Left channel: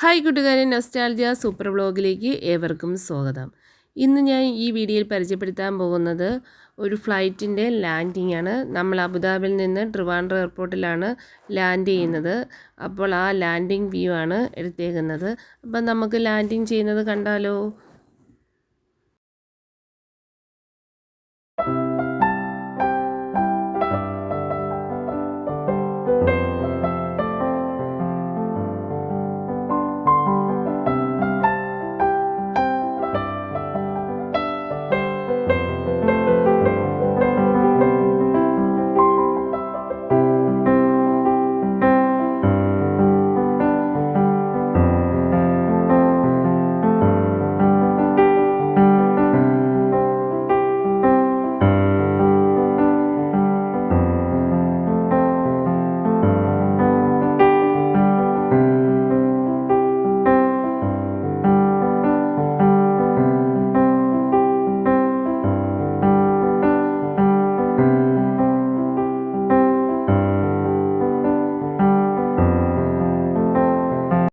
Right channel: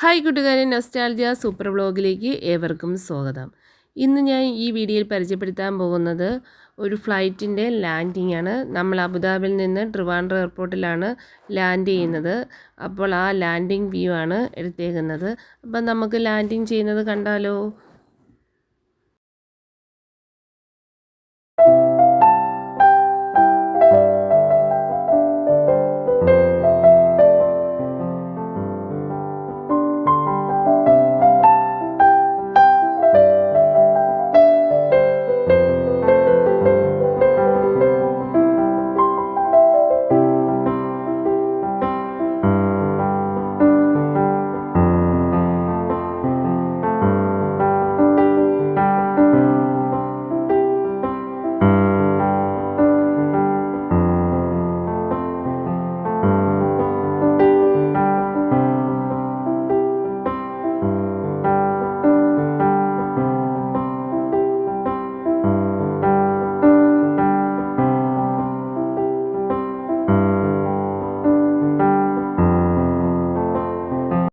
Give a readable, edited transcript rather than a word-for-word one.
Hi കൂട്ടുകാരെ, nostalgia super വ്ളോഗിലേക്ക് ഏവർക്കും സ്വാഗതം. ഇന്ന് ഞാൻ ഈ വീഡിയോയിൽ പരിചയപ്പെടുത്താൻ പോകുന്നത് ഒരു ഫ്ലൈറ്റിൻ്റെ ലാൻഡിംഗ് ആണ്. നമ്മൾ അബുദാബിയിൽ നിന്ന് ട്രിവാൻഡ്രം എയർപോർട്ടിലാണ് ലാൻഡ് ചെയ്യുന്നത്. അപ്പോൾ ആ ലാൻഡിംഗ് വ്യൂ ആണ് എടുത്തേക്കുന്നത്. അപ്പം നമുക്ക് ലാൻഡിംഗ് ചെയ്യുന്നത് കണ്ടാലോ.